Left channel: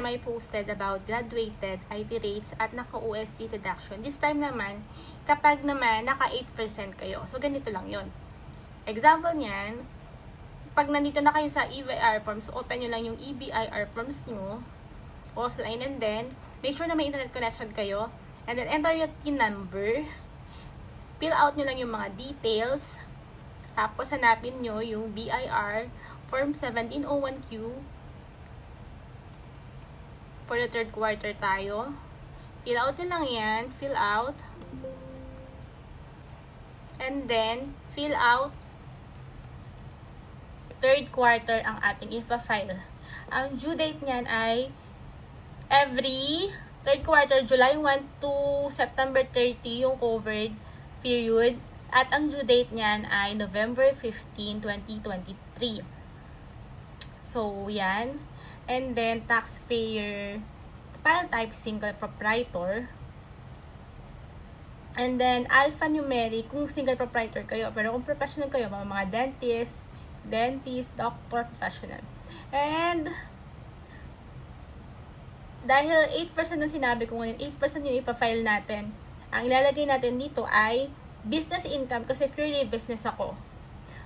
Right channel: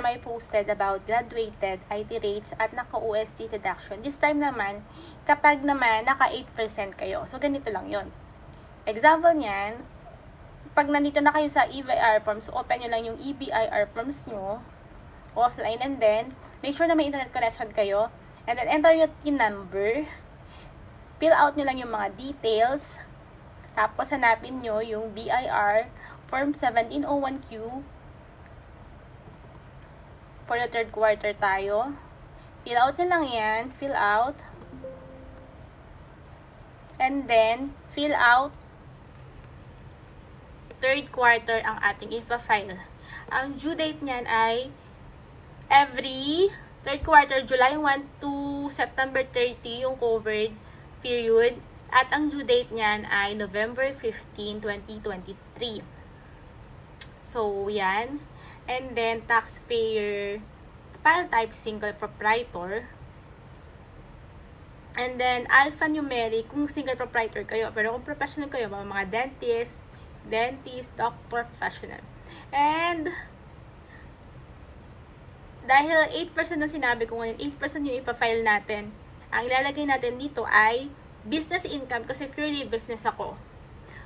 time I posted about graduated IT rates at naka-OST deduction. This time naman, kapag naman naka 8% kayo. So, ganito lang yon. Example niyan, pag nandito na kayo sa EBIR forms, open nyo lang yung EBIR forms nyo, offline, and then, make sure na may internet connection kayo, and then enter your TIN number, fill out nyo lang yung mga details, tapos hanapin nyo yung BIR form 1701Q, for the third quarter tayo. Fill out nyo lang yan. Fill out. And then, fill out third quarter ang ating ipa-file. Ang due date niyan ay every third quarter, July 1 to September 30 yung covered period. At ang due date niyan ay November 15, 2023. So, yan. And then, taxpayer, file type, single proprietor. And then, alphanumeric, kung single proprietor kayo. Pero kung professional kayo, mga dentist, doctor, professional. And, dahil 8% na sinabi ko ngayon, 8% yung ipa-file natin. Ang ilalagay natin dito ay business income kasi purely business ako.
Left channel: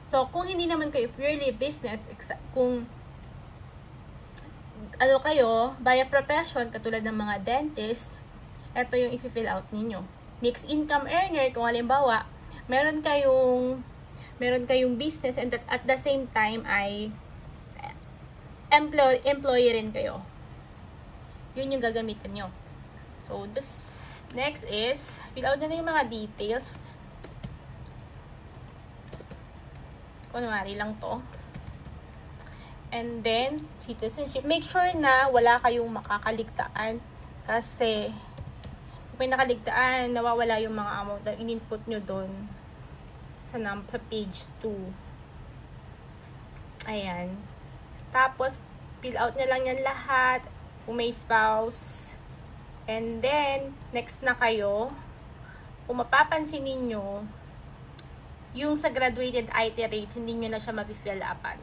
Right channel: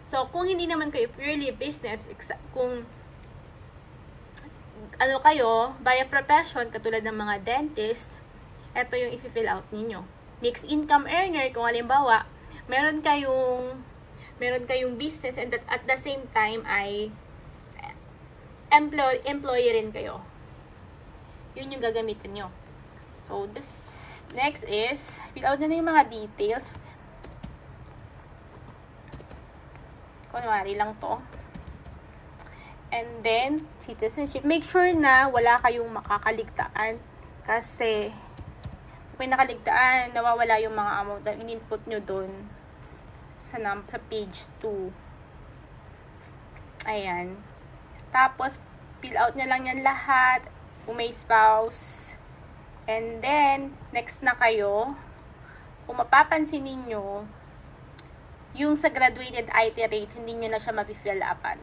So, kung hindi naman kayo purely business, kung ano kayo, by a profession, katulad ng mga dentist, ito yung i-fill out ninyo. Mixed income earner, kung halimbawa, meron kayong business and at the same time ay employee rin kayo. Yun yung gagamitin nyo. So, this next is, fill out nyo na yung mga details. Kunwari lang to. And then, citizenship. Make sure na wala kayong makakaligtaan kasi kung may nakaligtaan, nawawala yung mga amount na in-input nyo dun sa page 2. Ayan. Tapos, fill out nyo lang yan lahat. Kung may spouse. And then, next na kayo. Kung mapapansin ninyo, yung sa graduated IT rate, hindi nyo na siya mapifill upan.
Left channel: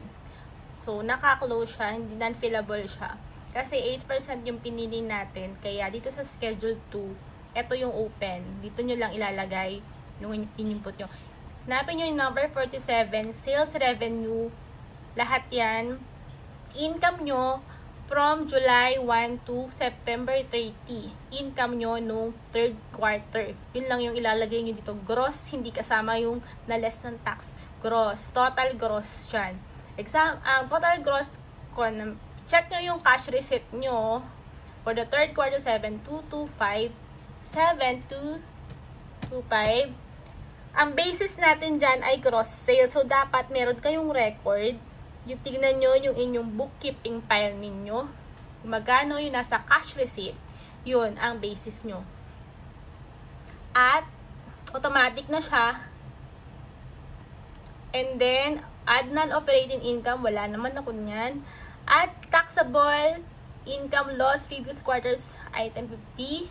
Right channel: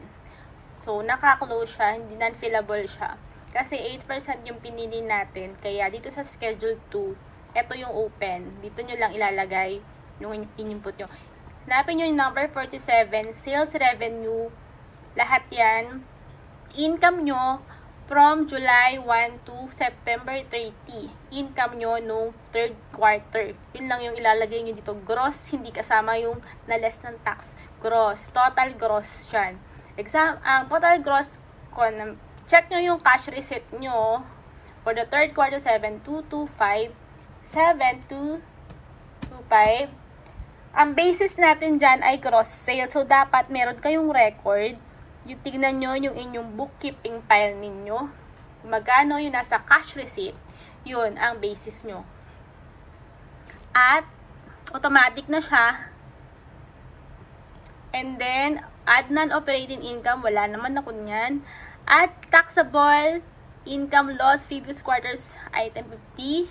So, naka-close siya, hindi non-fillable siya. Kasi 8% yung pinili natin. Kaya, dito sa schedule 2, ito yung open. Dito nyo lang ilalagay yung in-input nyo. Hanapin nyo yung number 47, sales revenue, lahat yan. Income nyo from July 1 to September 30. Income nyo nung third quarter. Yun lang yung ilalagay nyo dito. Gross, hindi kasama yung na less ng tax. Gross, total gross yan. Ang total gross, check nyo yung cash receipt nyo for the third quarter, 7,225. 7,225. Ang basis natin dyan ay gross sales. So, dapat meron kayong record. Yung tignan nyo yung inyong bookkeeping file ninyo. Magkano yung nasa cash receipt. Yun ang basis nyo. At, automatic na siya. And then, add non-operating income, wala naman ako niyan. At taxable income loss previous quarters, item 50.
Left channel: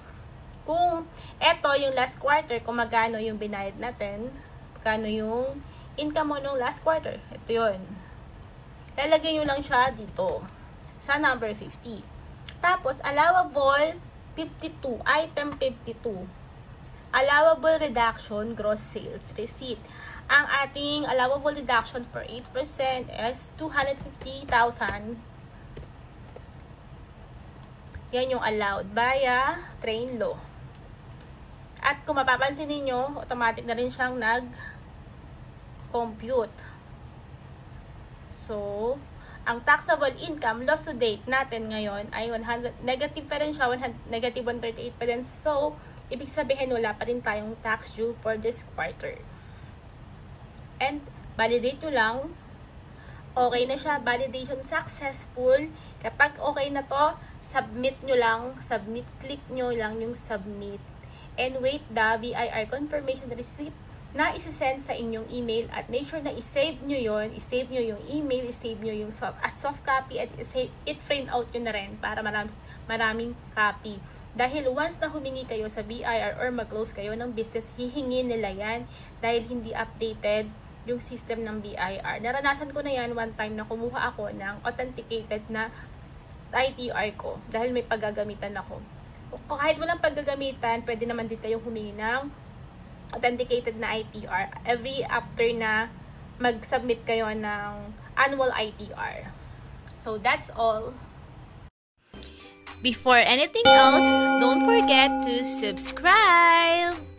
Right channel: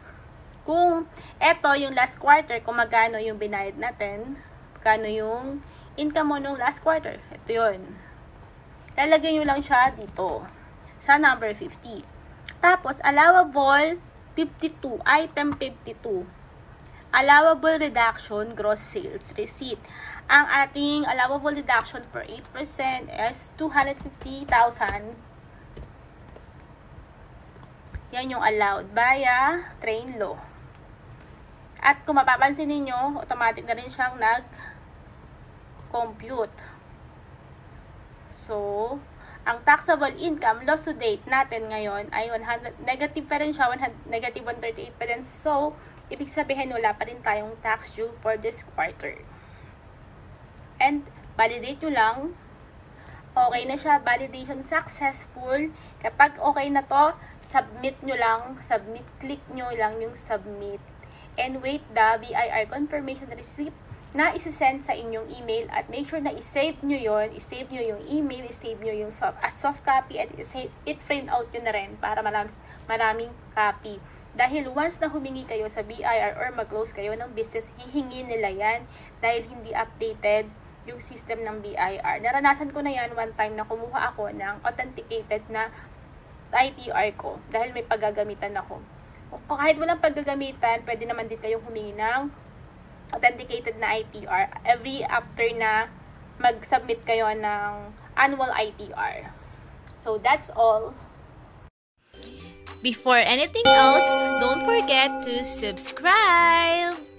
Kung eto yung last quarter, kung magkano yung binayad natin, magkano yung income mo nung last quarter. Ito yun. Lalagay nyo lang siya dito sa number 50. Tapos, allowable 52, item 52. Allowable reduction, gross sales receipt. Ang ating allowable deduction for 8% is 250,000. Yan yung allowed via train law. At kung mapapansin niyo, automatic na rin siyang nag-compute. So, ang taxable income loss to date natin ngayon ay 100, negative pa rin siya, negative 138 pa rin. So, ibig sabihin wala pa rin tayong tax due for this quarter. And, validate nyo lang. Okay na siya. Validation successful. Kapag okay na to, submit nyo lang. Submit. Click nyo lang yung submit. And wait the BIR confirmation receipt na isi-send sa inyong email. At make sure na i-save nyo yun. I-save nyo yung email. I-save nyo yung soft copy. At i-print out nyo na rin para maraming copy. Dahil once na humingi kayo sa BIR or mag-close kayo ng business, hihingi nila yan dahil hindi updated yung system ng BIR. Naranasan ko na yan one time na kumuha ako ng authenticated na ITR ko dahil may paggagamitan ako. Kung kahit walang paggagamitan, pwede naman din kayo humingi ng authenticated na ITR every after na mag-submit kayo ng annual ITR. So that's all. Before anything else, don't forget to subscribe!